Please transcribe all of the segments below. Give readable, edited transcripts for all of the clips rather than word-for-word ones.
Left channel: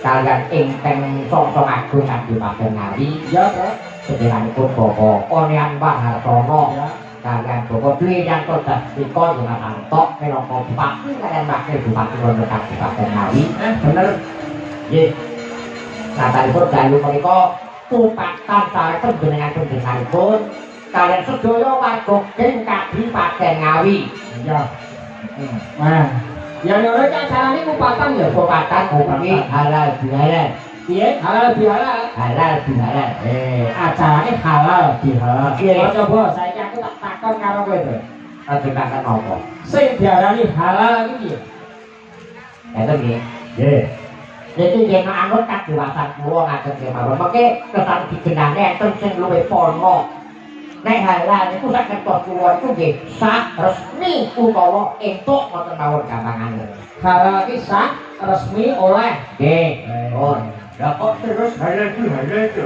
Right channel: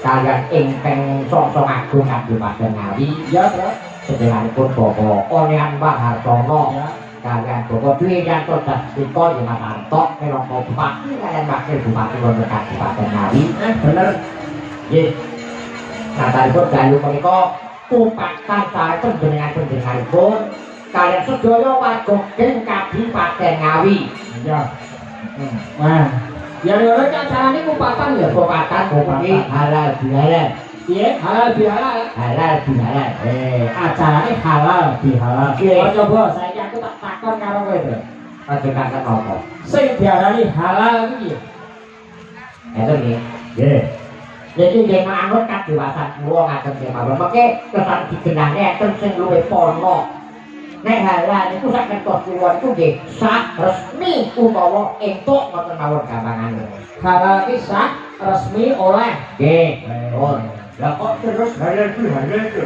kalian ingkang songso agung Kadipaten Ngawi ya sedenganipun Bapak Onyan Mahartono kalian Bapak Dwi Yanto Dasriko Mas Antok minangka Bupati kalian Wakil Bupati wonten Kadipaten Ngawi bener nggih satanipun dalu menika pupatan sae panjenengan-panjenenganipun kalian sedaya warga ing Kadipaten Ngawi ya wah ya lho cak carane kupatan ya kupatan kuwi halal bihalal piye halal bihalal halal bihalal acarane halal bihalal coba saiki aku tak takon karo kowe to aja takon apa sing diarani halal iki eta piye nggih iki nggih manut kadewasaan kula ngajeng kemawon mengke kesan digenane enten sing luwih pono nek halal niku sak kertos kula niku nggih sah resmi utawa entuk mboten mawon gampangan. Halal ki sah resmi oleh nggih. Oh, lah kok terus halal itu.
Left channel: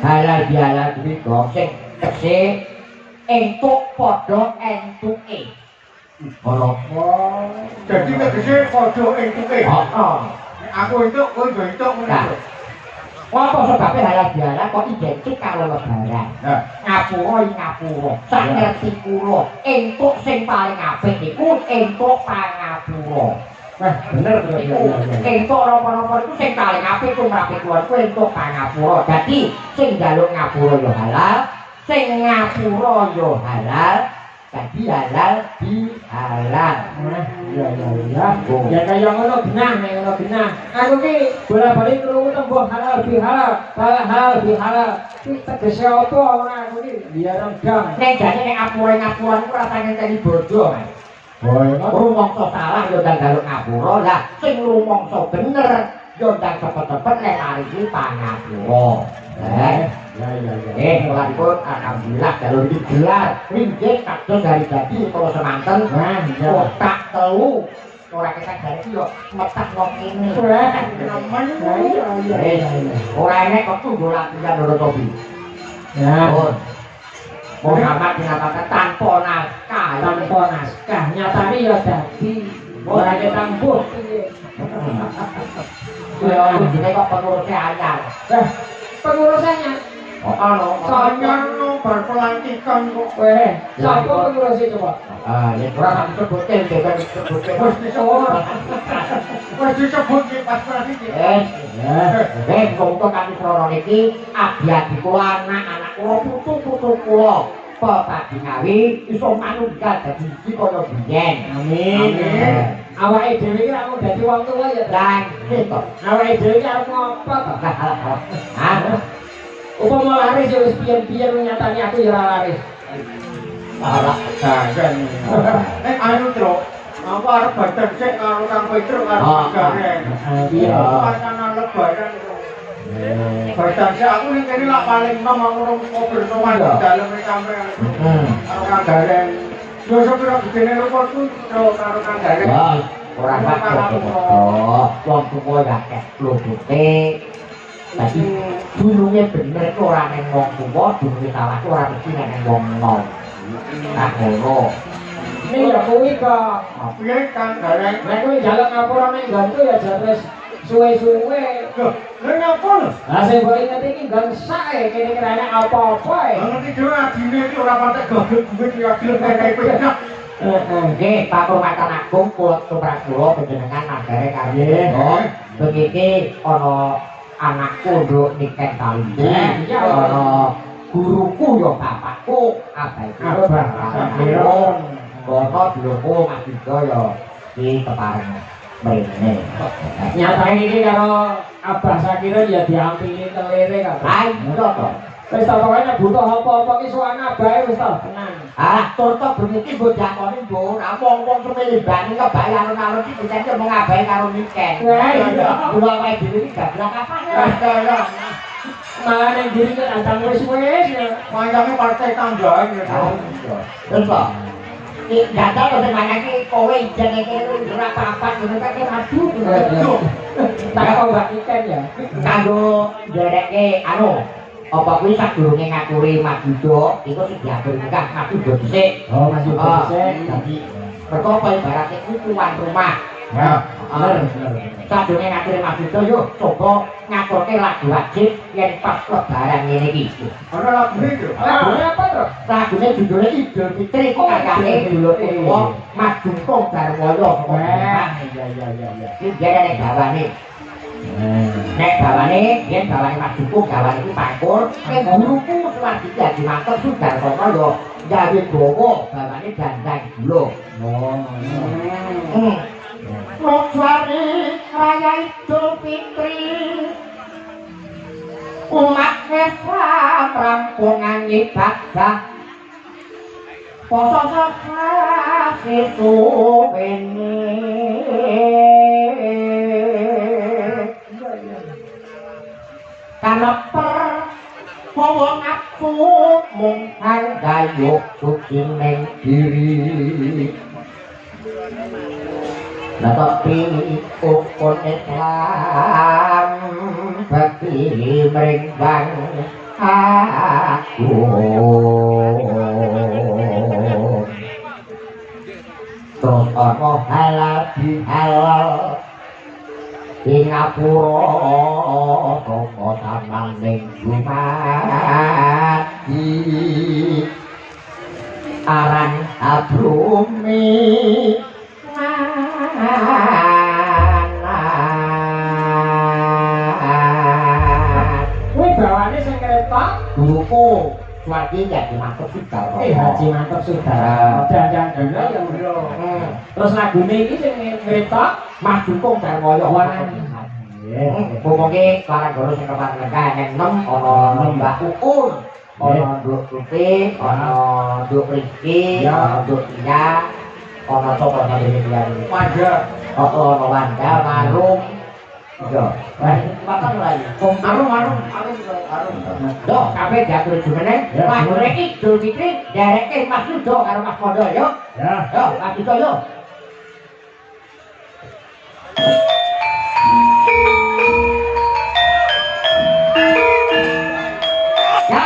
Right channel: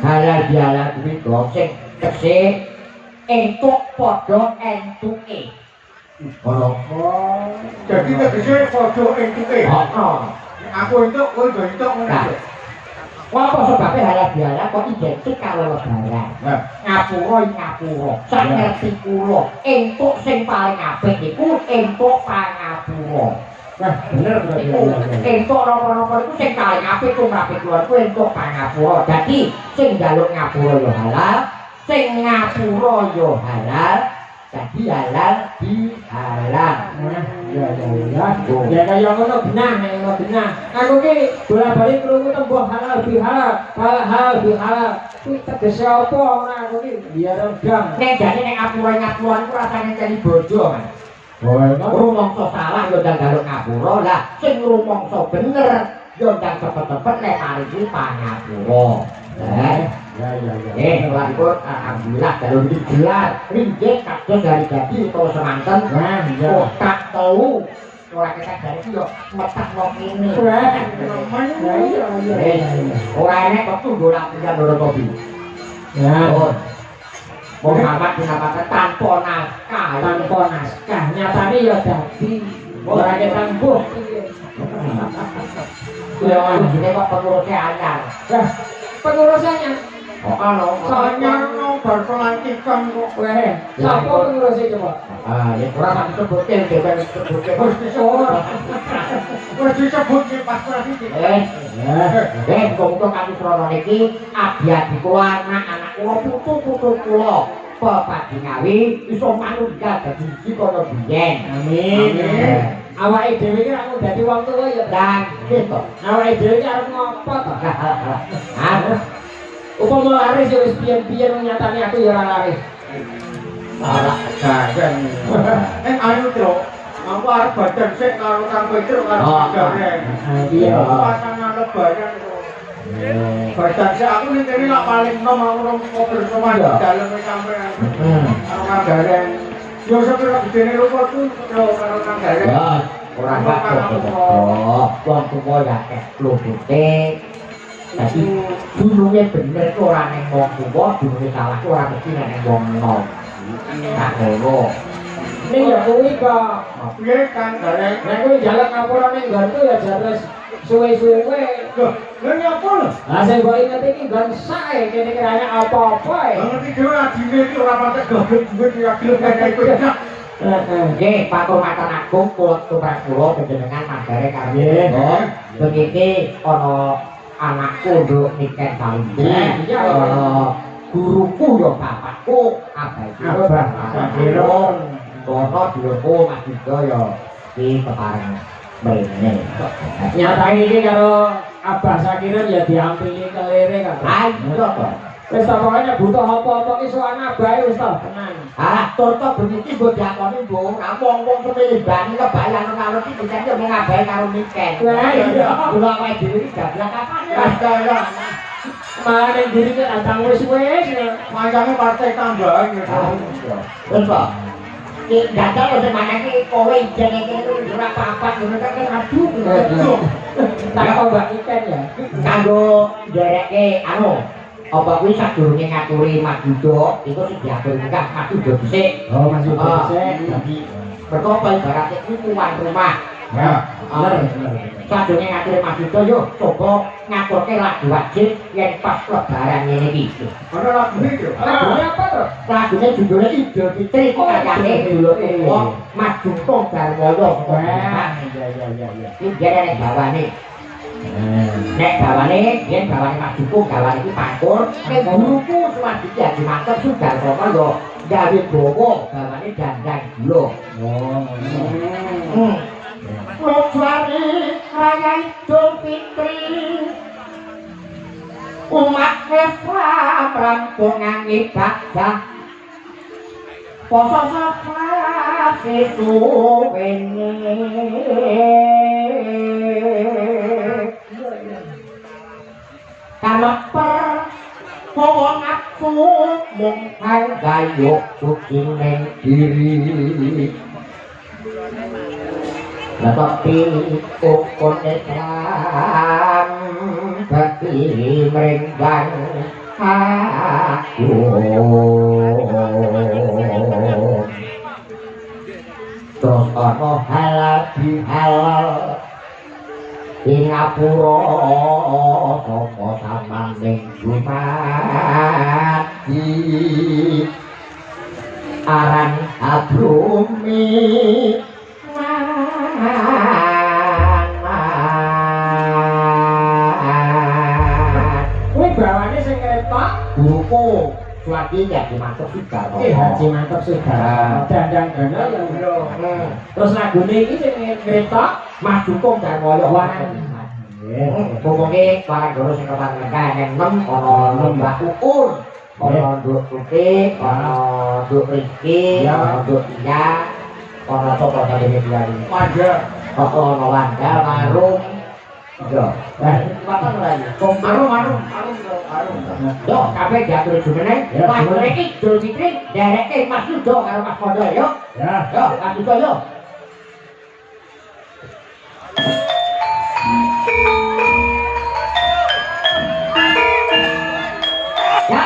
Halal bihalal kuwi kok sing tekse entuk padha entuke. Ora kok. Dadi tegese padha entuke. Heeh. Aku entuk kowe yo entuk ngono. Apa sebabnya halal bihalal kok identik karo lebaran? Ngapura ngapura, sak ngerti kula, entuk sing paling apik iku entuk pangapura. Wah, bener to ya. Entuk napa-napa iku sing paling apik tumrap kula iku entuk pangapura. Dadi sing njaluk ngapura ya halal, sing ngapura ya halal. Dadi halal bihalal. Ya. Ya kaya ngono genah nek ngono genah. Aku ki bola-bali krungu tembung halal bihalal, halal bihalal. Iki tegese apa ngono aku ki biar udang. Nek jane nek ngapura-ngapuran ku rasane kali bojo, Mas. Rumangsa salah yo ndang galuk ngapura. Lah sing rumangsa bener yo ndang cepet-cepet nek mari iki pangapura. Melanipun alhamdulillah kalau digelar ringgit kados dari dadi utawa semanten kotak telu ora ketek dari iki yo metak nang kene ora enek wektu nggo latihan loro topi Muhammad dinamakan tanpa naskah nyatane ya dadi ora ketambuh ya jenenge kok pengurusnya anyar pengurusannya saya berpelantikan kok. Siapa pengurusnya coba? Ya kurang disebutkan, jangan disebutkan. Harus disebutkan pas nanti. Muka-muka kami krono niki abiyadi kula anak-anak kula putu-putu kula pepadi ngawi iso manunggal dadi siji kaya biyen. Amin. Awake dhewe iki ora dadi wong tuwa ya, Dan gitu. awake dhewe iki arep ngopo to? Upama laris ya wis piyen-piyen nyatane aku ya ora laris. Ora gagan. Anu Tru, aku arep badan sik karo Kang Petruk karo Garen. Iya. Pasangan lebaran Tru. Badan sik aku ning kene lak paling enom aku ngobrol sama di dalem sampean. Karo Kang Garen. Yo sepira gedene rupa ku Tru karo Kang Garen. Wah, ora bakal wong tuwa ya akeh klubute. Dadi dununge bener ku ora ning wong tuwa, dununge salah ku ora mesti ning wong enom. Nah, ngono. Ning ya kuwi kok. Piye Kang Garen? Nek kuwi jalan ngapura ning gantu ya jatres suwe-suwe. Loh, lha ngapa? Lah sing mbok inget iki gan sae kene kirane apa-apa e. Ngerti dhewe adine iki ora pantek goblok duit ya gelem nek penak. Nggih, Pak Kurmatan Agung kula tumrap kula panjenengan mandare karo begini ana anak kondok niken Kalindu. Ana guruku ya bapakku abah Kiron. Kono dulurku Mas Dito ya di kepareng mrene. Nyatane iki karo Abah Sakirin ya diampili kelire kan. Ayo to. Wis ta pokoknya butuh apa-apa ki sowan abahe wis ta tenang. Toto beniki mbok dakoni mbok ora wong-wong kepengin bani kebayang karo iki dicek mung abahe karo niken. Lah iya. Kula wae dhewe iki gablak apane Kaya malah ning diri kan antang wis-wis. panjange partai tambahan ya. Terus kok dadal kok semana iki kowe jenenge ora apa-apa ngono kan aduh. Tak kok Mbak Iken ya. Kanggo nderekke anu apa kuwi sadurunge ngaturi Mas Yudo iku sing diatur nikah Mas Yudo dhisik. Oh, Mas Yudo dhisik. Dadi mergo apa ibaratnya kuwi tuan rumah. Ya, bener. Sadurunge ngaturi Mas Yudo yo coba ngaturke lagu wajib yen pas lebaran ngene iki. Ana lagu iki. Lagune apa, Tru? Lagune judule Idul Fitri karyane dulur tuwa Mas Jungkong Darmoyo. Iya. Iki jare nek bawane. Nek bawane, yen bawane Mas Jungkong gawane iki pangkur, nek guruku Suwadi Haji Mantep Sudarsono yo gawe dawa bawane dandang gula. Lojari raya Idul Fitri umat Islam rampungan ibadah poso safar suwene kaneper hawa nafsu mung gayuh suci ning diri lah tapi ukun Islam bagi mrenggang aku terus ana halal bihalal ing ngapura sapa samang ning dumadi aran abrumi bawane sing ketok guruku Suwadi Haji Mantep Sudarsono. Haji Mantep Sudarsono. Dandang gana yang Terus lagune iki sing ngetok Mas Dukung Darmoyo Wah. Pokoke parang guru sing kepan ngen 6 ana Mbak Ukur, ana Nduk Tutik, ana Nduk Rizki, ana Nduk Tia, ana sapa jenenge dia iki? Wanda. Ana Wanda, Marum. Iya. Wah, patah ora iki. Arum. Yo, kabeh diatur jumeneng. Mas iki Dul Fikri dereke Mas Yudo karo Mas Mondo yo. ya. Yo, Mas Yudo yo. Ya.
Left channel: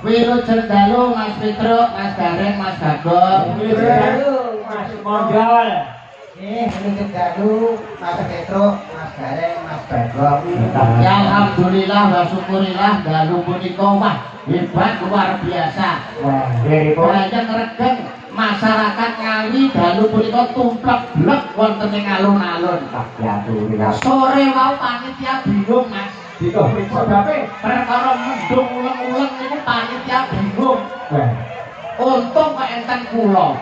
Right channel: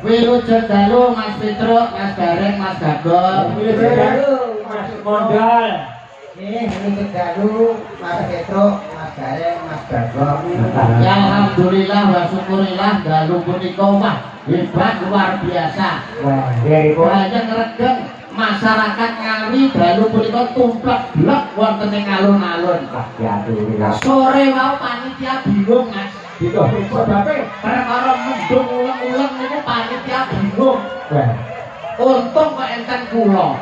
Wilujeng dalu Mas Petruk, Mas Gareng, Mas Bagong. Mas Mondal. Wilujeng dalu Mas Petruk, Mas Gareng, Mas Bagong. Ya alhamdulillah wa syukurillah dalu punika wah hebat luar biasa. Wah, deripun Banyak regeng masyarakat Ngawi dalu punika tumplek blek wonten ing alun-alun. alhamdulillah. Sore wau panitia bingung Mas. Itu sebabnya Perkara mendung uleng-uleng niku panitia bingung. Untung kok enten kula.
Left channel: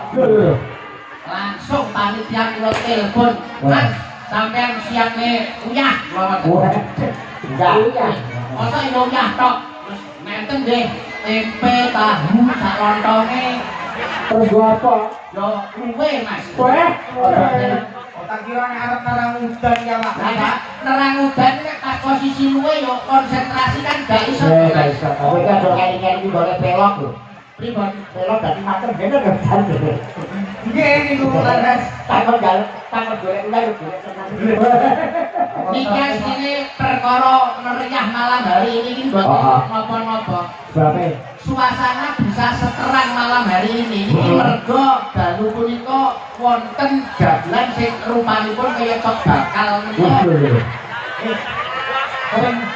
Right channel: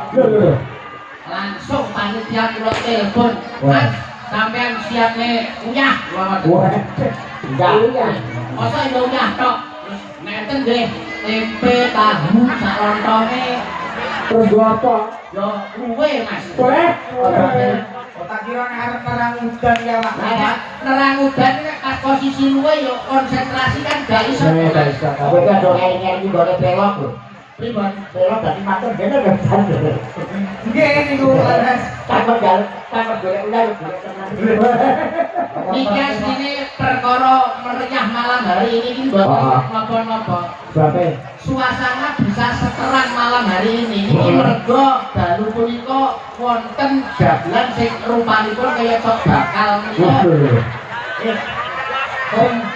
Langsung panitia kula telepon, Mas, sampean siap nih uyah lawan. Enggak. Masa ini uyah tok. Terus menten nggih tempe tahu sak lontonge. terus gua apa? Yo luwe Mas. Tak kira nek arep terang udan ya Pak. Lah nerang udan nek pas posisi luwe yo konsentrasi kan gak iso. Kowe kan do ngene iki boleh pelok lho. Pripun? Pelok dadi mater dene gak bisa. Nggih niku Mas. Takut golek ulah yo golek tenan. Niki asline perkara meriah malam hari ini iki mboten napa-napa. Sebabnya Suasana bisa seterang malam hari ini. Iki mergo dalu punika wonten dagelan sing rupanipun kaya tok bakal menika.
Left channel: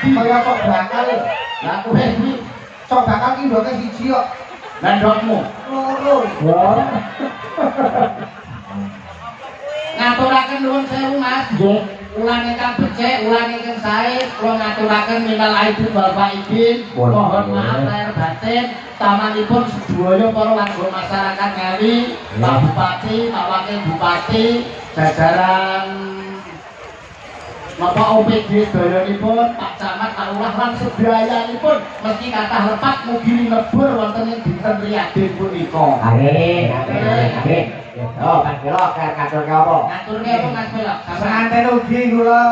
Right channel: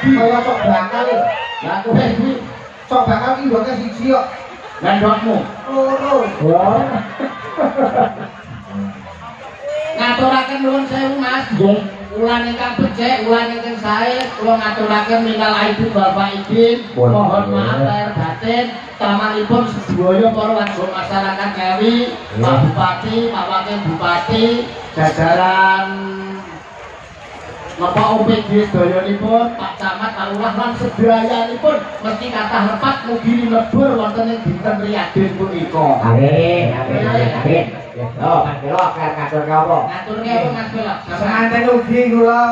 Kaya tok bakal. Lah kowe iki Tok bakal ki ndoke siji kok. lan ndokmu Loro. ngaturaken nuwun sewu Mas. Nggih. ulan ingkang becik, ulan ingkang sae, kula ngaturaken minal aidin wal faidin. Mohon maaf lahir batin. Tamanipun sedaya para warga masyarakat Ngawi, Pak Bupati, Pak Wakil Bupati, jajaran Bapak OPD sedayanipun, Pak Camat, Pak Lurah lan sedayanipun meski kathah lepat mugi lebur wonten ing dinten riyadin punika. Amin, amin, amin. Oh, Mas Belok, katur apa? Ngaturke apa Mas Belok? Semanten ugi kula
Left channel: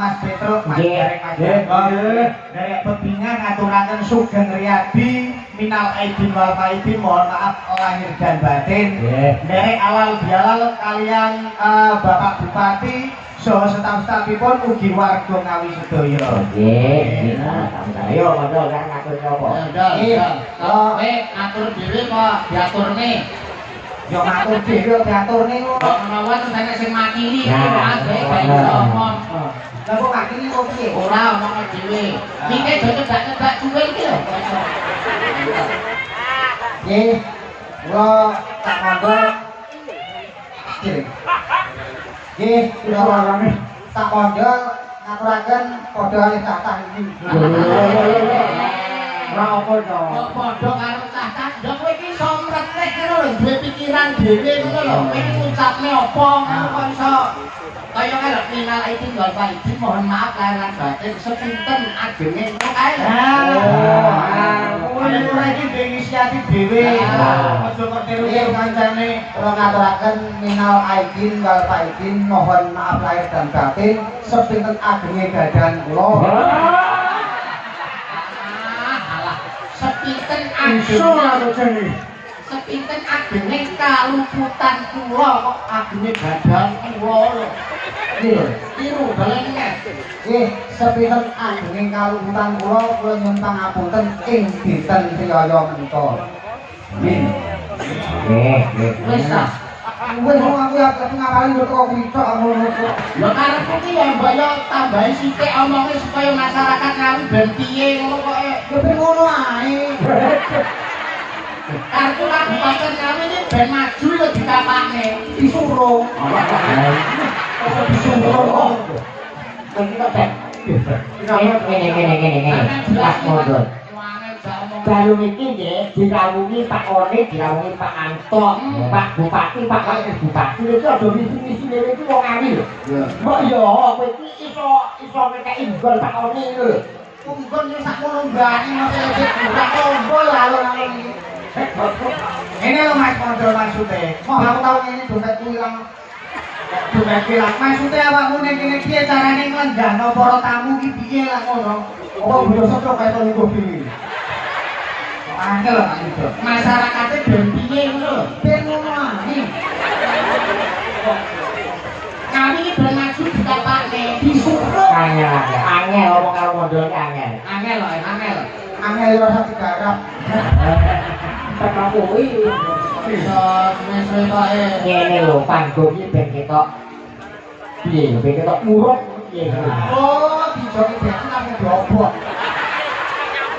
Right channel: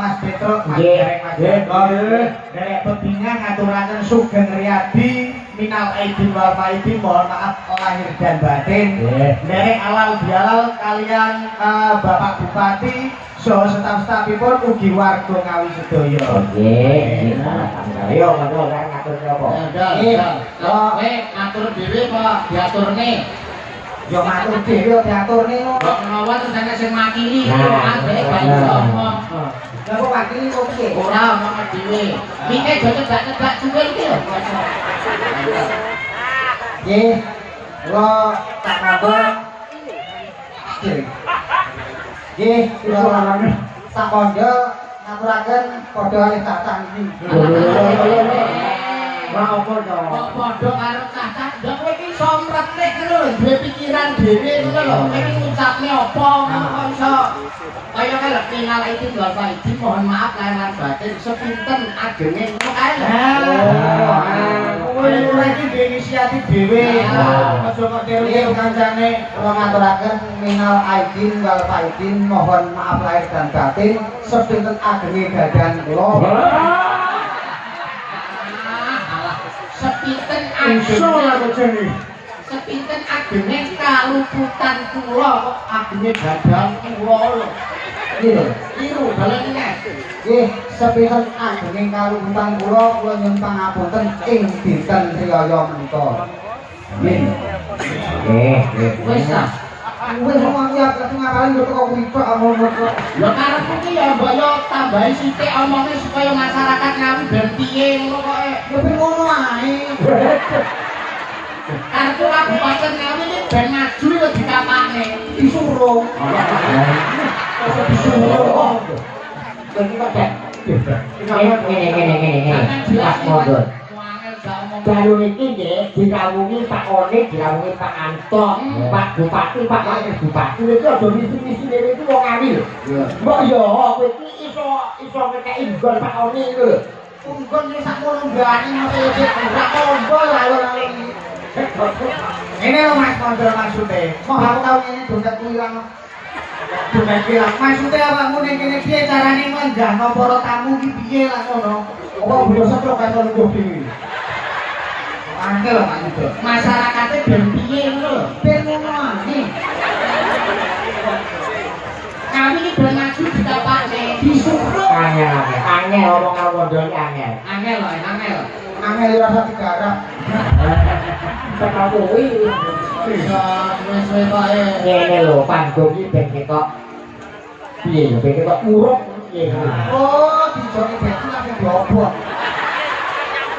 Mas Petruk, Mas Derek, Mas Derek. Dari pepingan ngaturaken sugeng riyadi minal aidin wal faidin, mohon maaf lahir dan batin. Derek alal bialal kalian Bapak Bupati saha staf-stafipun ugi warga Ngawi sedaya. Nggih, ayo monggo ngatur apa? Kowe ngatur dhewe kok diaturne. Yo matur dhewe yo diaturne kok. Kok menawa terus ana sing makili, Nah, ambek gak iso ngomong. Lah kok makili kok piye? Ora omong dhewe. Mike do nyebak-nyebak cuwil ki lho. Nggih. Kula tak mondok. Nggih, kula tak mondok ngaturaken padha kalih tatah iki. Ora apa to. Kok padha karo cah-cah, ndok kowe iki iso mretih ngono lho, duwe pikiran dhewe ngono lho. Kowe iki ngucapne apa ngono kok iso. Kaya kalau minal aidin wal faidin, mohon maaf lahir lan batin sepinten agenge ngono kae. Kowe iki dhewe inisiatif dhewe. Aja kok tiru-tiru kancane. Kula ngaturaken minal aidin wal faidin, mohon maaf lahir dan batin sepinten agenge dadan kula. Sepinten Iso ora agenge jeni. sepinten agenge kaluputan kula kok agenge badan kula lho. Nggih. Iru dalan iki. Nggih, sepinten agenge kaluputan kula nyuwun pangapunten ing dinten riyaya menika. Nggih. Nggih, Wis ta. Wis aku ya ngapalin kok kok wicok ngono kok. Lho karepku ki ya mbok yo tambahi sithik omonge supaya masyarakat Ngawi ben piye ngono kok Ya ben ngono ae. kartu Kabupaten Ngawi ini ben maju yo dikapakne. Disuruh. Kok disuruh? Iki kok cek. Ngene. Mas Mondor. Baru iki nggih dirawungi Pak Onik, dirawungi Pak Anto, Pak Bupati, Pak Wakil Bupati. Iki aja misi-misi dhewe iki wong Ngawi lho. Mbok yo kowe iki iso ngekeki gol Pak Onik lho. Tunggon yo sakmono mbane ngono iki ora tombo alon-alon iki. Ini lho Mas Mondor maksude. Mau aku tau ngene dompet ilang. Dompet ilang. Maksude awakmu ning kene piye carane nglendahno para tamu iki piye lah ngono. Apa bodo setro kae to lungguh dhewe. Angel lho Pak Yudo. Masyarakatnya ben piye ngono lho. Ben ngono ae. Ngawi iki ben maju dikapakne. Disuruh. Angel ngomong karo Mondor iki angel. Angel lho, angel. Angel yo rasa digarap. Tek kuwi Iso suwe-suwe kok ngene lho panggung iki ben ketok piye ya ben ketok muruk piye. Oh, dijoki bensin aku dobok.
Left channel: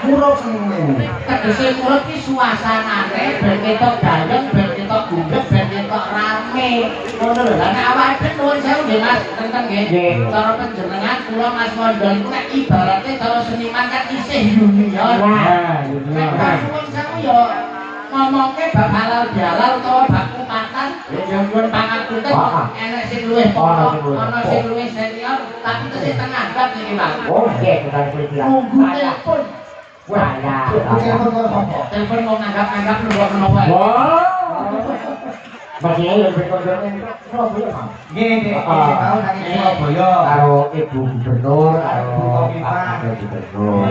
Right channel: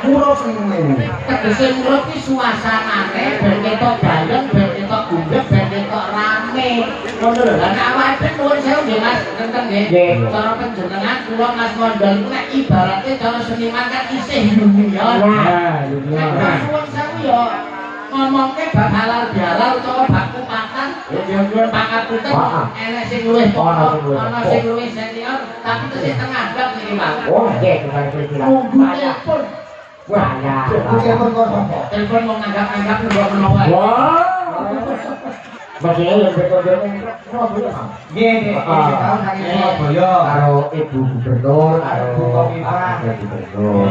Muruk sing ngene. tegese murut ki suasanane ben ketok gayeng, ben ketok gunggeh, ben ketok rame. Ngono lho. Lah nek awake nuwun sewu nggih Mas, tentang nggih. Cara panjenengan kula Mas Mondor iku nek ibaratnya cara seniman kan isih junior. Nek nuwun sewu ya ngomongke bab halal bihalal utawa bab kupatan ya nyuwun pangapunten enek sing luwih pokok ana sing luwih senior tapi tesih tengah bab niki Mas. Oh, nggih, kita perkira. Unggulipun Saya. Telepon kok sapa? telepon mau nganggap-nganggap nembok menawa. Wah. Bagine yang berkonjol ning Surabaya, Mas. Nggih, nggih, iki tau saking Surabaya. Karo Ibu Gubernur, karo Ibu Kofifa. Pak Gubernur.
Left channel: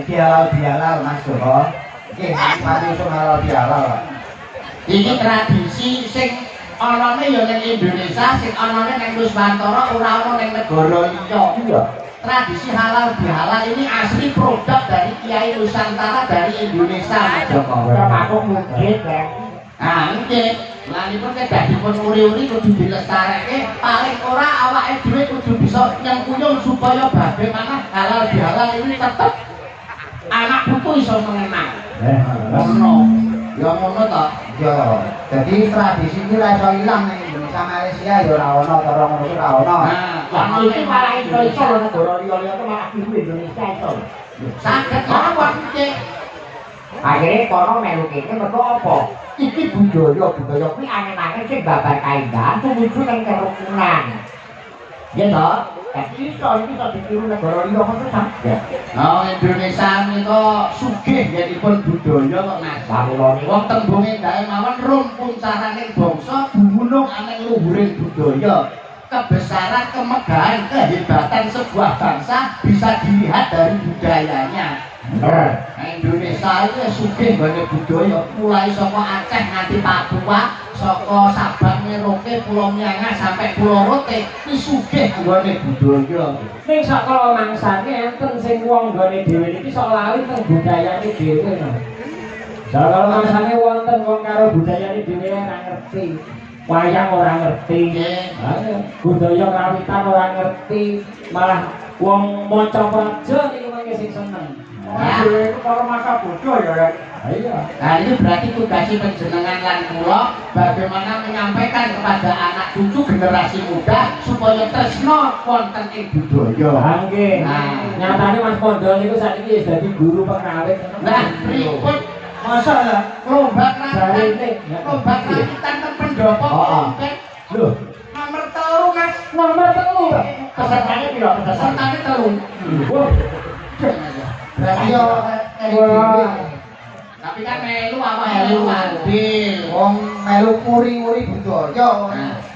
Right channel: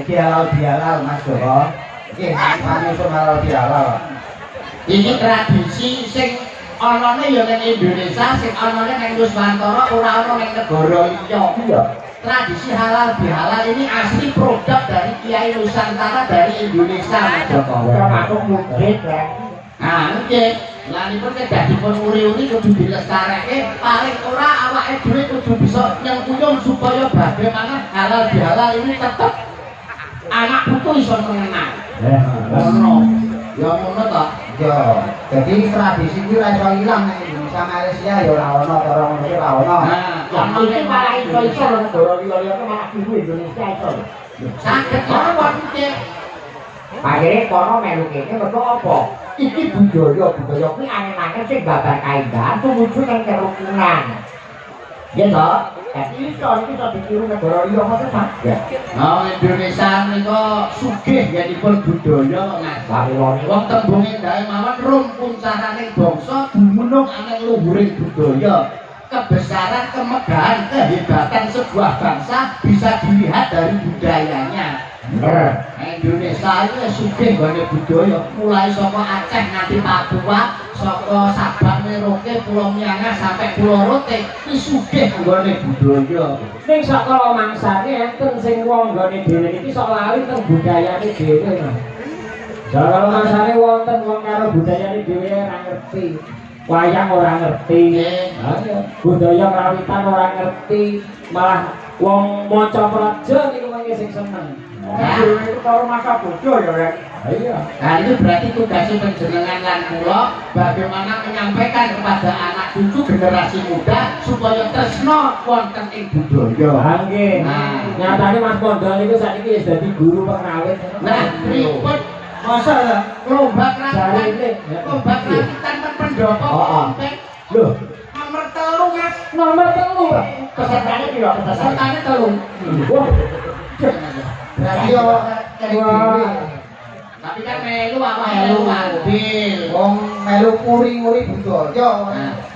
Iki halal Mas Joko. Nggih, Pak Yusuf halal bihalal. Iki tradisi sing anane ya ning Indonesia, sing anane ning Nusantara, ora ana ning negara liya. Iya. Tradisi halal bihalal ini asli produk dari Kiai Nusantara dari Indonesia, Mas Joko. Termasuk mungkin kan. Nah, nggih. Lanipun kedah dipun uri-uri kudu dilestareke, paling ora awake dhewe kudu bisa nyengkuyung supaya bagaimana halal bihalal ini tetep anak putu iso mengenang. Ono. Ya ngono to. Yo, jadi tradisi ini ra iso ilang ning Indonesia Malaysia ya ora ono cara ngono ki ora ono. Yang itu malah iso lho negara liya-liya itu malah ibu Indonesia iso lho. Saged ya waktu Akhirnya kono melu kene mergo apa? Iki budaya kuwi angen-angen sing babar kaendahan tumuju nang kerukunan. Ya toh? Jadi iso iki iso ditiru negara liya kok saged. Nah, Indonesia menika sugih nggih budaya kok Mas. Samulane Wong tembunge ndae mawon rumpun sasaning bangsa dumunung ana luhuring budaya. Kebesaran, kemegahan, kehebatan sebuah bangsa bisa dilihat dari budayanya. Nah, Indonesia itu sugih nggone budaya mulai saka Aceh nganti Papua, saka Sabang Merauke, Pulau Miangas sampai Pulau Rote, iki sugih nggone budaya. Ning sakala mangsane enten sing wong nggone dhewe iki sok lali teng budayane dhewe no. Sakala mangsane wonten wong karo budayane dhewe ora ngerti. Wayang ora ngerti. Budaya kawitan ora ngerti, malah wong maca praja niku mangke sing seneng. Dhewe itu karo masa bodoh ya, Rek. Iya. Nah itu berarti tugasnya penjenengan lan kula bagaimana menyampaikan kepada anak cucu generasi muda supaya tresno wonten ing budaya. Nggih. Nyatane Mas Pondol niku sakniki wis dadi guru pengrawit. Nah, pripun Masa ya? lomba kerawitan ten pendopo kompet. Lho, Nomor 3 Mas. nomor 3. pesertane piro pesertane? Pesertane 3. Wah, Berarti yo Tapi kan melu apa melu adil. wong melu uri-uri budaya.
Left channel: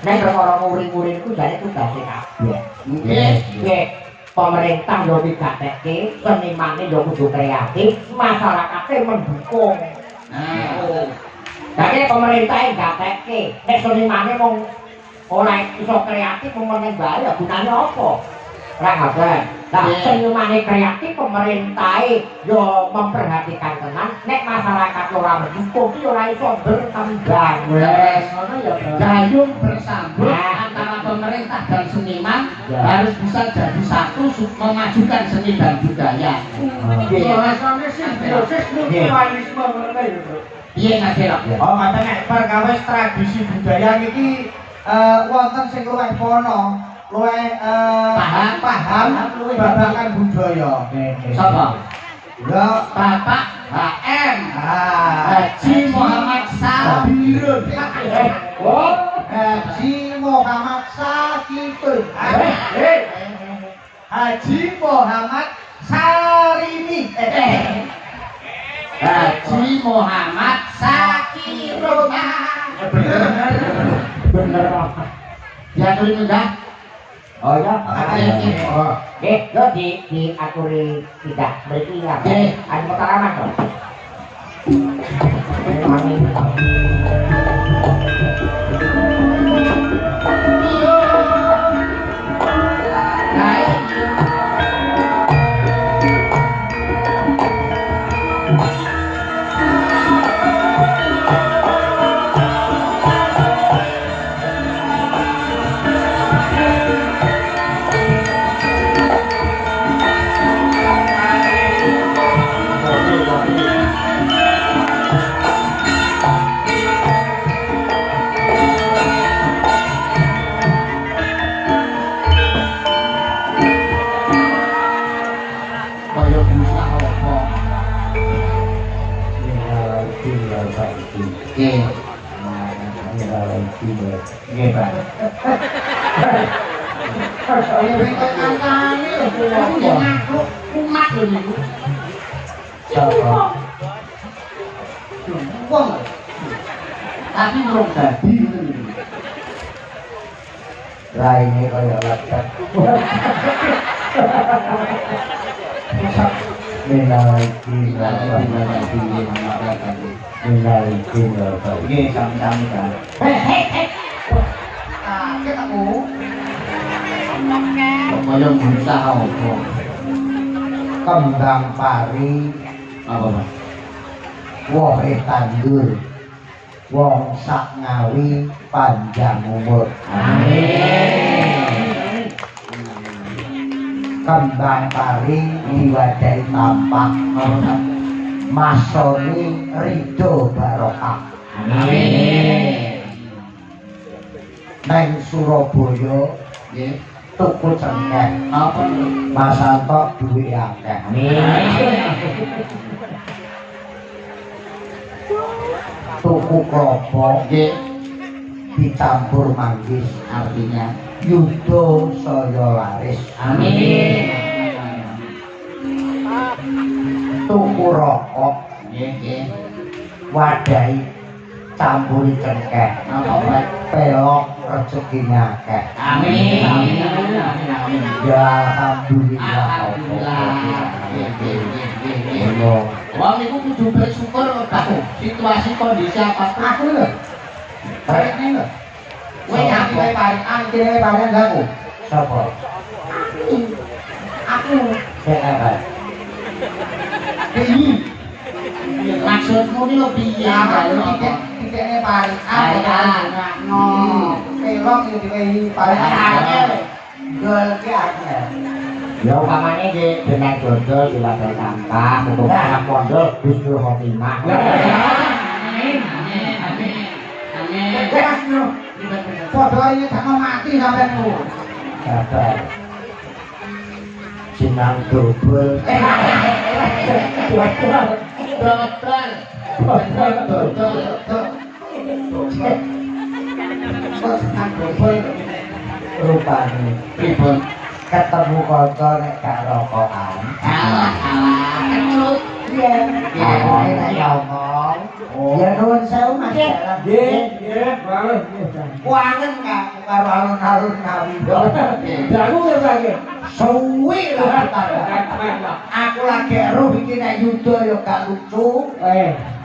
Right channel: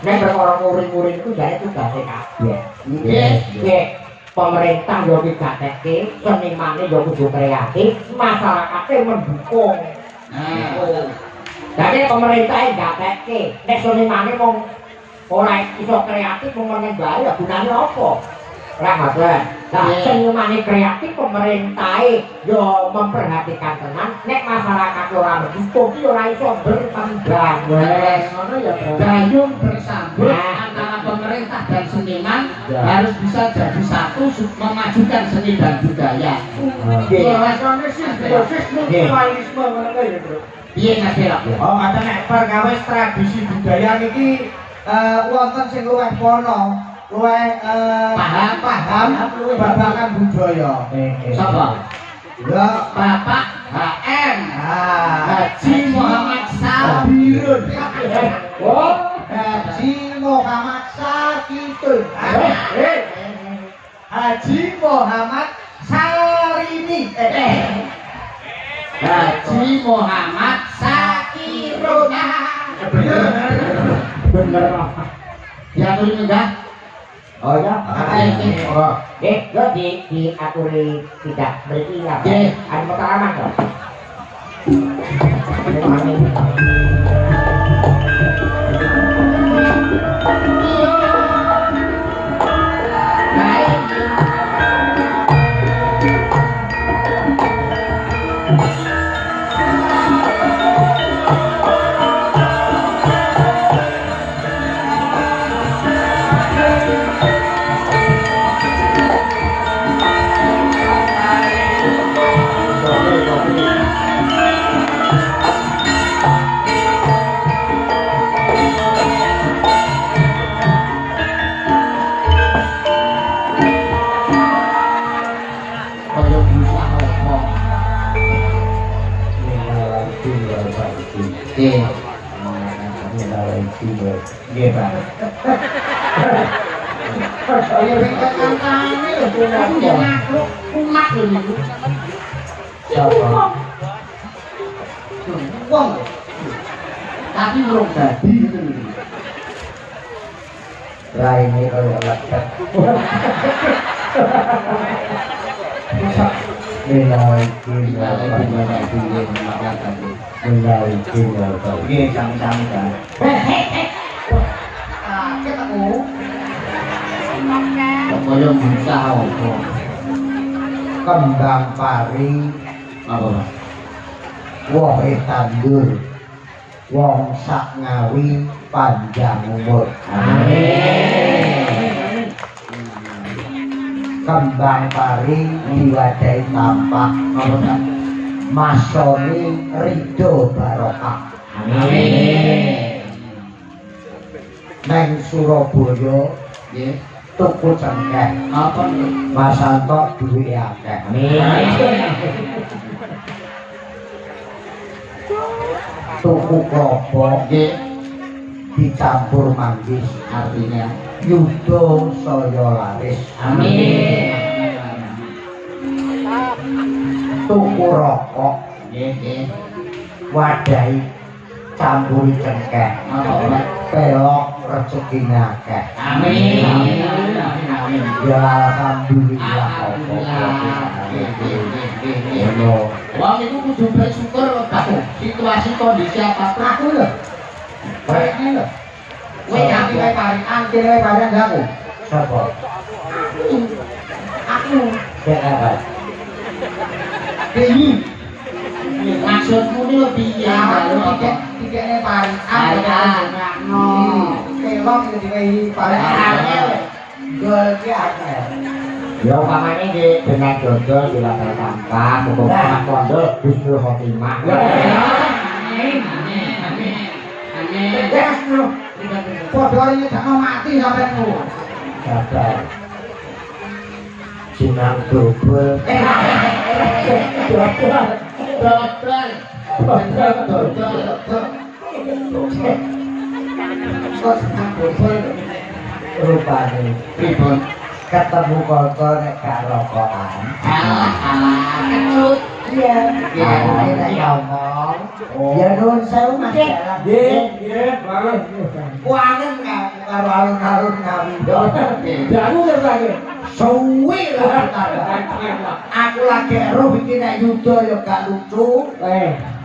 Nek perkara murid-murid iku jane tugase kabeh. Nggih. Nggih. Pemerintah yo digatekke, senimane yo kudu kreatif, masyarakate mendukung. Nah, Jadi pemerintah yang gatekke, nek senimane mung ora iso kreatif mung meneng bae ya gunane apa? Ora ngaten. Lah senimane kreatif pemerintah yo memperhatikan tenan, nek masyarakat ora mendukung ki ora iso berkembang. ngono ya, Bro. gayung bersambut antara pemerintah dan seniman harus bisa jadi satu memajukan seni dan budaya. Nggih. Rasane simbiosis mutualisme ngono kae ya, Bro. Piye Mas Delok? Oh, mate nek perkawis tradisi budaya niki wonten sing luwih pono, luwih paham babagan budaya. Sapa? Ya, Bapak HM Haji Haji Muhammad Sabirun. Oh, Haji Muhammad Sakitun. Haji Muhammad Sarini. Haji Muhammad Sakirun. bener. Diaturi munggah. Oh ya, Oh, yo diaturi tidak berarti ya. Nggih. Ada pengalaman kok. Ini mami. Kaya bisa apa? Nggih. Nggih, Pak. kaya ringket antane lho Aku ya makhluk umat lho niku. wong. Tapi urung dadi ngoten lho. Raine kaya lepet. Nggih, sami-sami kan. Ketemu. Kaya bisa apa? Kembang pari, Apa, Mas? wohe tandur, wong sak ngawi panjang umur. Amin. Kembang pari diwadahi tampah, Apa, Mas? masoni ridho barokah. Amin. Neng Surabaya Nggih. tuku cengkeh. Napa niku? Mas Santo duwe akeh. Tuku klopo Nggih. dicampur manggis, Artinya yuda saya laris. amin. Tuku rokok Nggih, nggih. wadahi campuri cengkeh. Napa bae? Pelok rezekine akeh. Amin. Amin. Amin. Amin. Ya alhamdulillah. Alhamdulillah. Nggih, nggih, nggih, nggih, nggih. Lho, Wong niku kudu bersyukur aku. Situasi kondisi apapun. Aku lho. Baik iki lho. Kowe nganti wae parikan, kene wae parikan gak aku. sapa? Aku Sing apa? deui. Maksudmu ini lo piye? Ya, aku Kalau tiket tiketnya parikan. Parikan. No. Pelok yo diwehi parikan. Gol ki akeh. Ya umpamane nggih benang dodol diwadahi sampah, muga-muga pondok husnul khotimah. Amin. Amin. Amin. Amin. Wes lho. Padha nyedakno mati sampeanku. Sabar. Sinang dobel. Dodol. Dodol. Kok ambel Rupane Pripun? ketemu kanca nek gak rokokan. Alah, kecut. Iya. Iya, nek ngomong. Ya nuwun sewu Mas. Nggih, banget. Kuangen karo alun-alun ngawido. Jago ya lagi. Suwi lah aku lagi roh iki nek yuda ya gak lucu.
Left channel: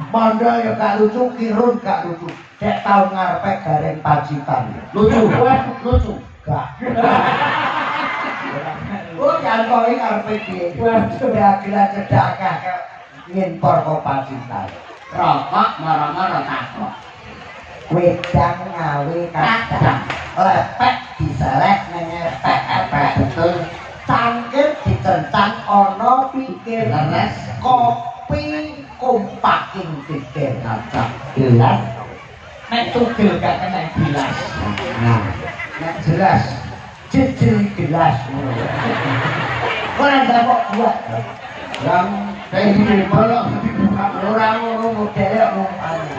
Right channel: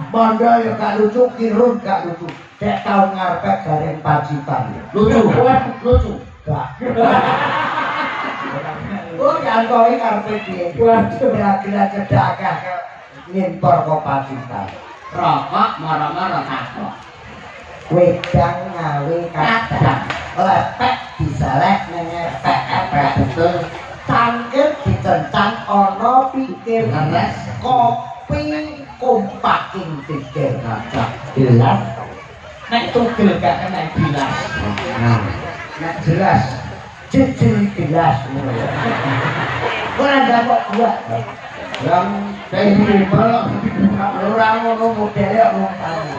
Mondol ya gak lucu, kirun gak lucu. Dek tau ngarepe gareng Pacitan. Lucu. Lucu. Gak. Oh, nyantoi ngarepe piye? Kira-kira cedak akeh ngimpor kok Pacitan. Rokok marah-marah takok. Wedang ngawe kadang lepek diselek nang epek-epek. Betul. Cangkir dicencang ana pikir. Leres. Kopi kompaking pikir kaca. Gelas nek tugel gak kena gelas. Nah, nek jelas jejel gelas ngono ya. Ora ndapok buat. Yang kayak malah orang ngono modele rumpane.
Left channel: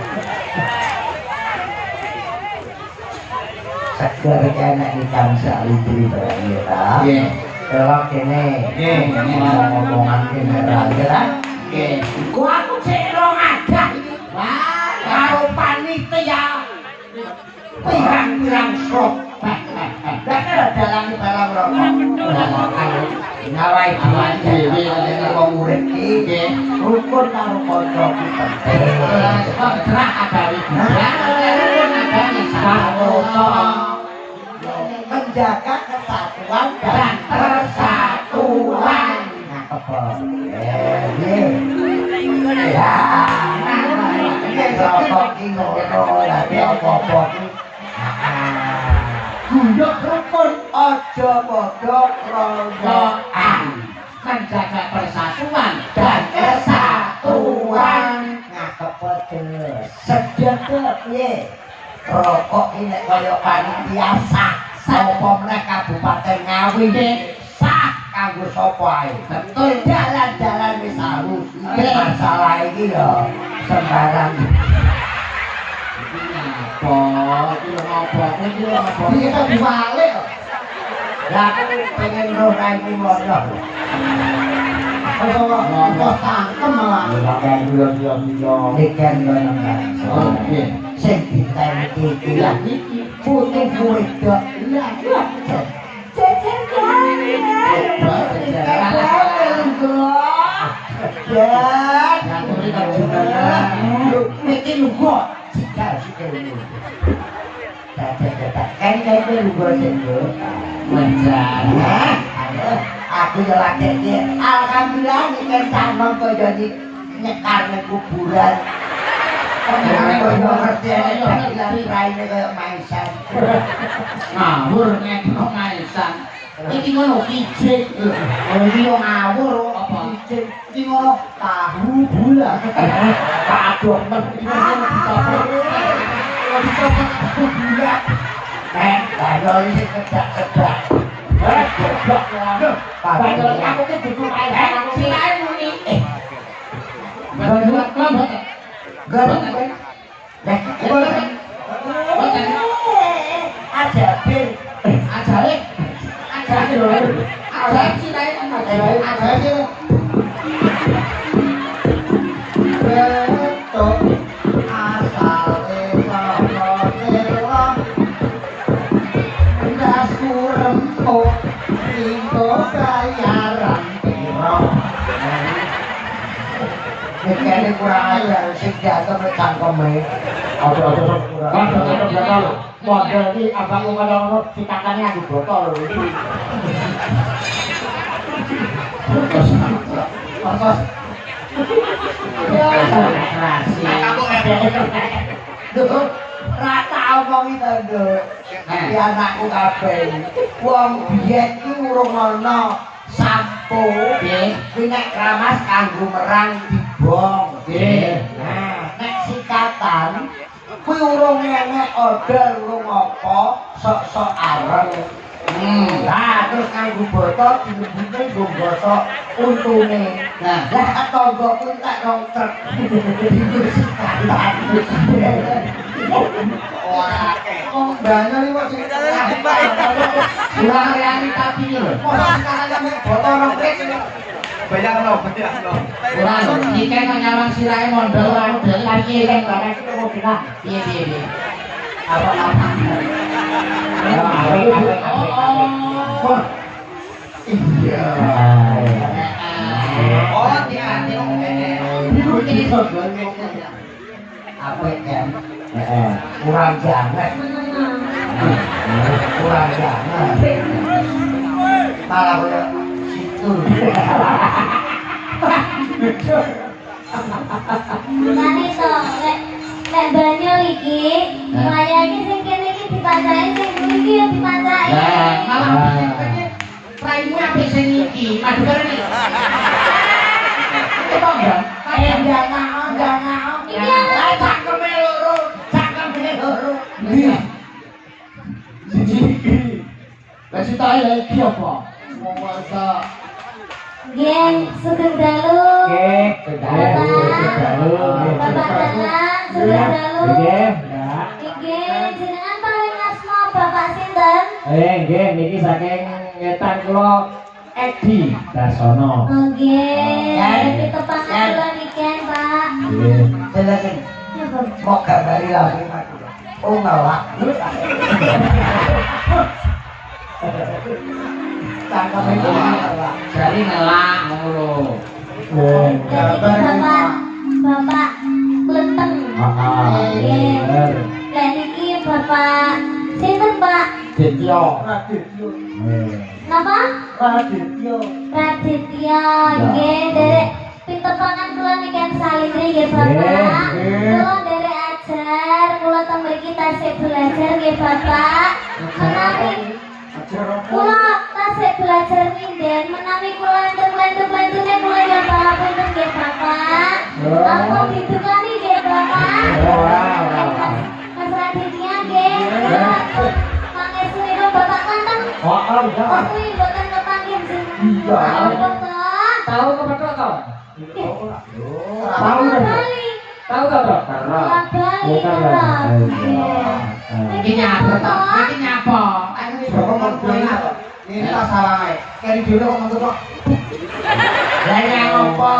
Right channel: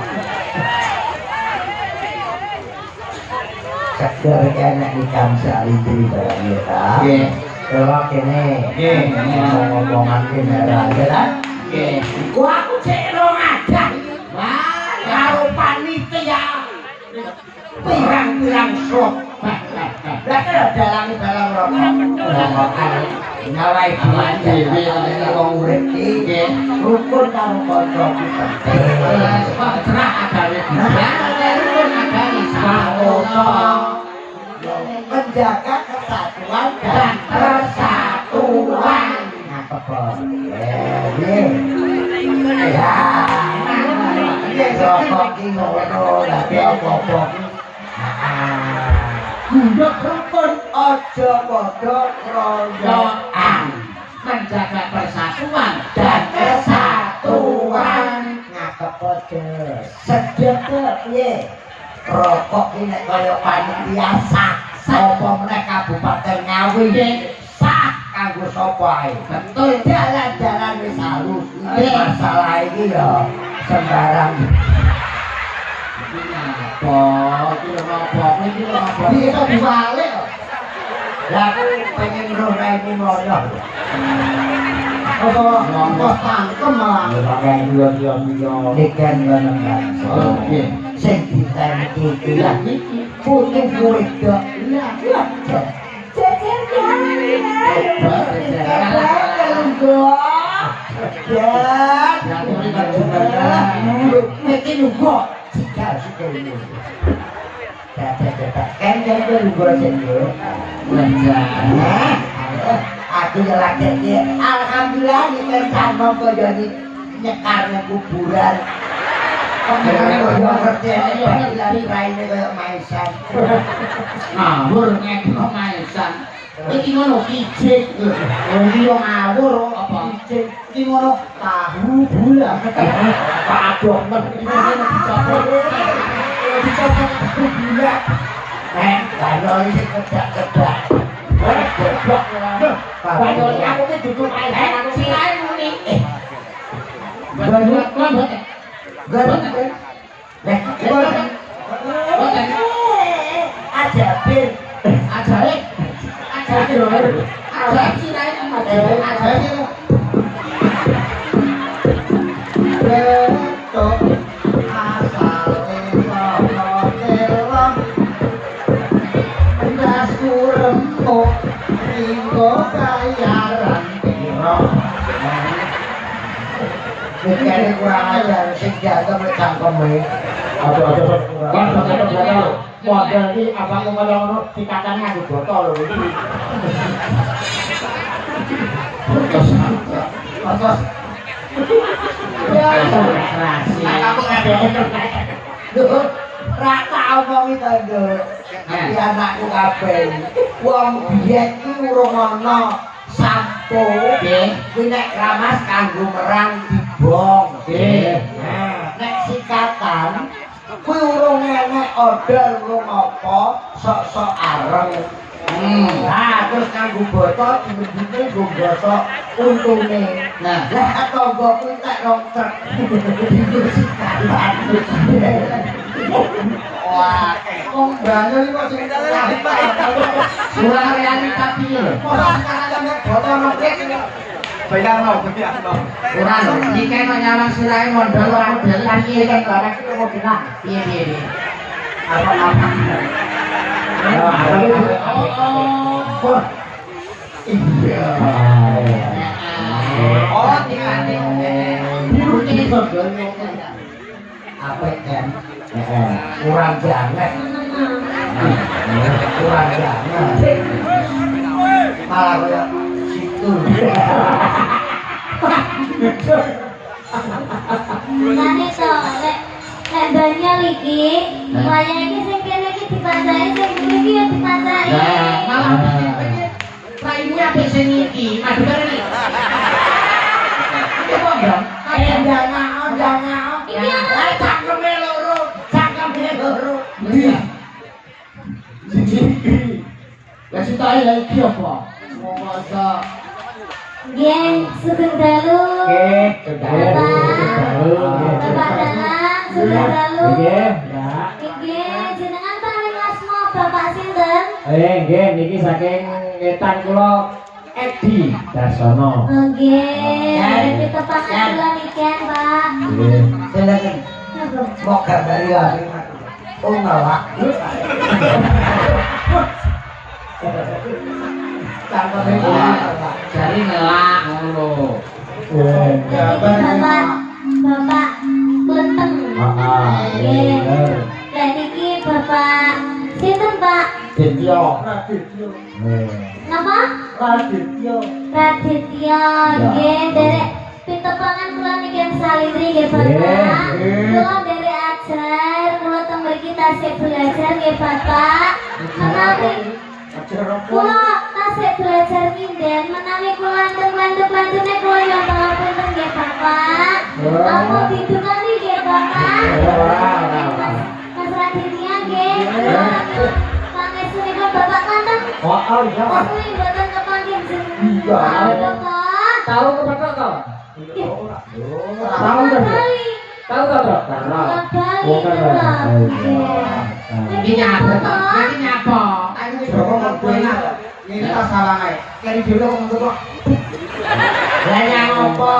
Seger kene ikan salintri barang ta. Nggih. Kalau kene ngomong-ngomongan kene ra ya. Nggih. Ku aku cek rong adah. Wah, karo panitia. Pirang-pirang slot. Lah kira dalang rokok. Rokokan nawai dhewe nek wong urip iki rukun karo kanca ku penting. Sebab cerah agawe rukun agawe Menjaga kesatuan dan persatuan. Cakep. Ya. Rokok ki ngono lagi apa-apa ki. Gunduk rukun aja padha kroyokan. menjaga persatuan Dan kesatuan. Ngakep pedes. Sedep piye? Rokok ki nek kaya panitia sah. Sapa meneh Kabupaten Ngawi sah kanggo sapa ae. Betul, dalan-dalan wis halus. Iki masalah iki ya sembarang. apa iki lho apa iki lho apa Iki tak diwalik kok. Lah aku pengen roh raine ngono. Apa tangkem malah. Ya pakai yo. Ikan ngono kan. oke Sing diteni iki ya iki putih wedok. Lah ya. Jejer yang ini kan juga Mesti lugo. Sikal lu. Kan lugo sendiri. menjaga Aku yo lagi alhamdulillah iki sampe kaya nyekar nang kuburan. Ngerti lari raine kaya maisan. ngawur ngekno maisan iki ngono kijik iki yo ngawur apa cing iki ngono tahu bulat. Padok men Dicopot. Dicopot tahu bulat. Bayar iki kedak-kedak. Goblok. Bayar aku ki dudu main aku Silae muni. Gandut lambat. Gandut. Boten. Ajabir. Ajaib. Ajaib silae. Ajabir. Betok asale kono telon. Ndas kurempuk ringgo bayaran piro. Mikirnya kurang ajar, sing jatuh nek cangkeme. Aduh. Kan tetep bakal lho. Model iki abangku ngono dikatane aku botol lho iki. Pas. Ya, Aku Duh, ra tau ngono to, Nduk. Iki anakku kabeh. Wong biyen ku urung ana sampo. Nggih. Kuwi nek kramas kanggo merang dibong. Nggih. Nah, nek sikatan kuwi urung enek odol urung apa, sok-sok areng. Nah, terus kanggo botol dilebute nggo gosok untune. Nah. Lah tangga kuwi tak rong truk. Digo sikatan. Wah, wong banyak iki kok sing kurang realitas piye lho. mosok sikatan sampe botol rong truk. Bayarno. Kurang lho. Iki kan nyawang silae mondol model Kan iki kan barang iki mau bilang. piye. Apa-apa. Oh. Iya. Oh, diate. Biru iki apik kan? Kurang jamet. Kurang jamet. Malah koyo situ. Mane to, lek banyak iki, waya iki sing kene iki dipancai, sing ngene iki ya dipancai. Lah, malah praimu apik sing iki, madu bareng iki. Apa, Bang? Jangan. Iki apa? Cangkeme loro. Lah citae lha iki apa? Wong wasa Nggih, sugeng dalu. Nggih, Bapak Danang, sugeng dalu. Nggih, ya. Nggih, jenengan paling asma Bapak sinten? Nggih, niki saking ngetan kula Edi Darsono. Nggih, pitepangan kula niken, Pak. Nggih. silakan. Napa? Mau gambari lagi Mas. Oh ngawak. Cangkeme loro. Jari nelak ngono. Nggih. Bapak Kleteng. Nggih. Bener. Dan niki Bapak sinten, Pak? Dityo. Radityo. Nggih. Napa? Radityo. Raditya, nggih, derek pitepangan kula niken salintri nggih Bapak. Kula derek ajar, kula teng mriki tasih belajar nggih Bapak. Menawi kula tasih belajar nginden, menawi kula enten lanjut-lanjutne kula nyoba ngapunten nggih Bapak. Ampun didukani nggih Bapak. Mas Raditya nggih. Pangestunikun Bapak manten. Oh, iya. Kuwi mboten kepanggih jeneng. Iya. Tahu kepethuk to? Tahu kali. Tahu to, Bro? Karena. Iki nyapa to? Iki nyapa? Aku wis kok mengkono. Ini tak salah ae. Keri dhewe kok mengkono. Lah nyapa?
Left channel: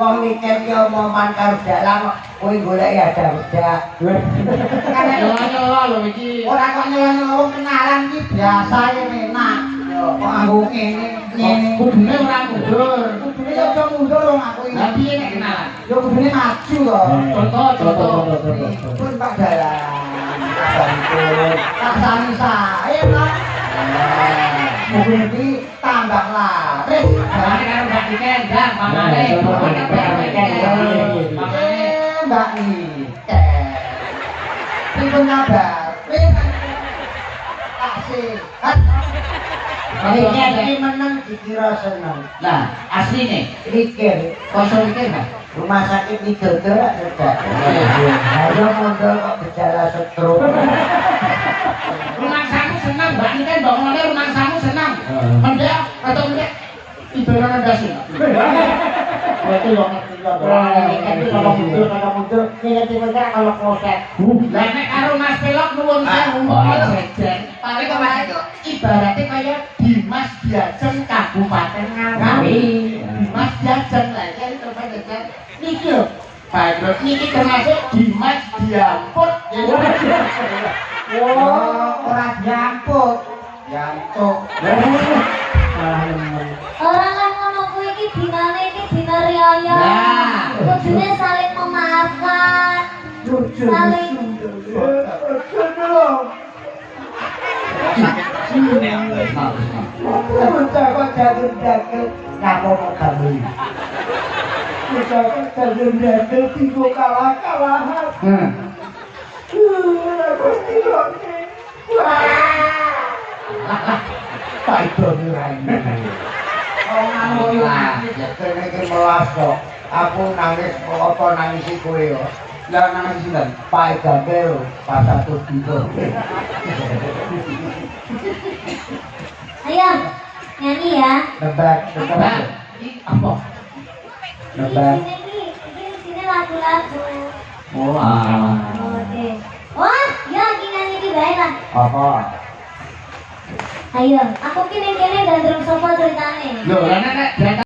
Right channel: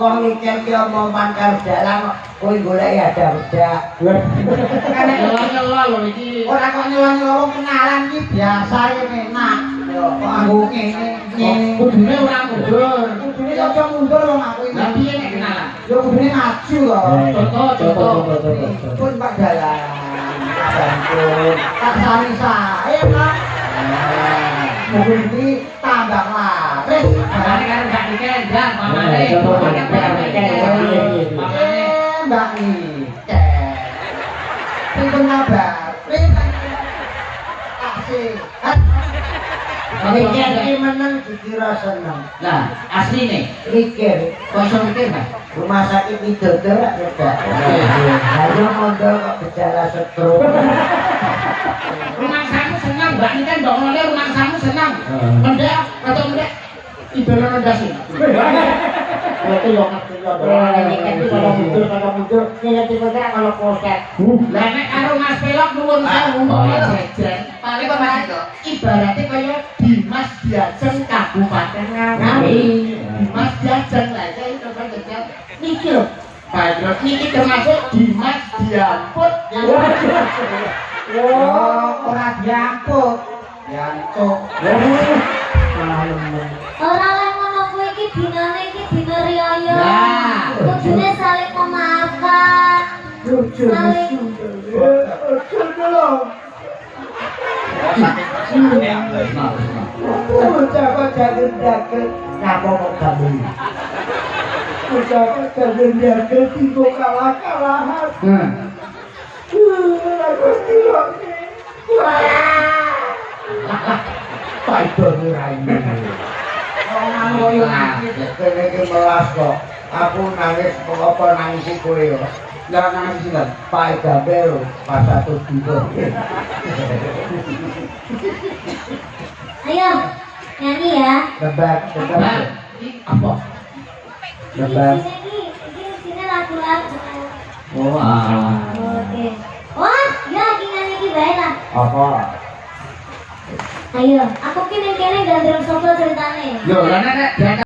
Wong mikir ki omongan karo dalang kok kowe golek ya ada-ada. Kan Nyelo lho iki. ora kok nyolong kenalan iki biasa ya enak. Yo kok aku ngene. Kudune ora mundur. Kudune yo aja mundur wong aku iki. Lah piye nek kenalan? Yo kudune maju to. Contoh. Pun Pak Dalan. Sampun. Tak sani sae to. Mungkin iki tambah laris. Pamane karo gak dikendang, pamane. Mbak Nike. Sing pun ngabar. Taksi. Mikir iki meneng dikira seneng. Lah, asline Mikir kosong mikir Mas. rumah sakit Widodo ra kerja. Ayo mondol kok gejala stroke. Rumah samu senang, Mbak ini kan bangunannya rumah samu senang. Mendek atau mendek ibaratnya ndasi. Berarti yo ngerti yo. Ini kalau muncul, ngerti mereka kalau polsek. Lah nek karo Mas Pelok nuwun sewu jajan. Paling kok Mas itu ibaratnya kaya Dimas Diajeng Kabupaten Ngawi. Dimas Diajeng lah iki terus jajan. Niki lho. Pak terus niki termasuk Dimas Diamput. Wah, ora diampuk. Yantuk. Orang lah ngono kuwi iki dinane iki dina riyaya. Nah. Kudune saling memaafkan. Saling Bocah kok jaget-jaget nyapa kok gawe. Bocah kok jaget-jaget tigo kalah-kalahan. Gusti kok. Pak itu raine. Orang ngoyo nangis kene iki melas kok. Aku nangis kok apa nangisi kowe yo. Lah nangis sinten? Pak Gabel pas satu tiga. Ayo, nyanyi ya. Nebak. Apa? Nebak. Ini sini lagu-lagu. Wah. Oke. Wah, ya lagi nyanyi di bae lah. Apa? Ayo, aku kene kene gandrung sopo ceritane. Lho, lah nek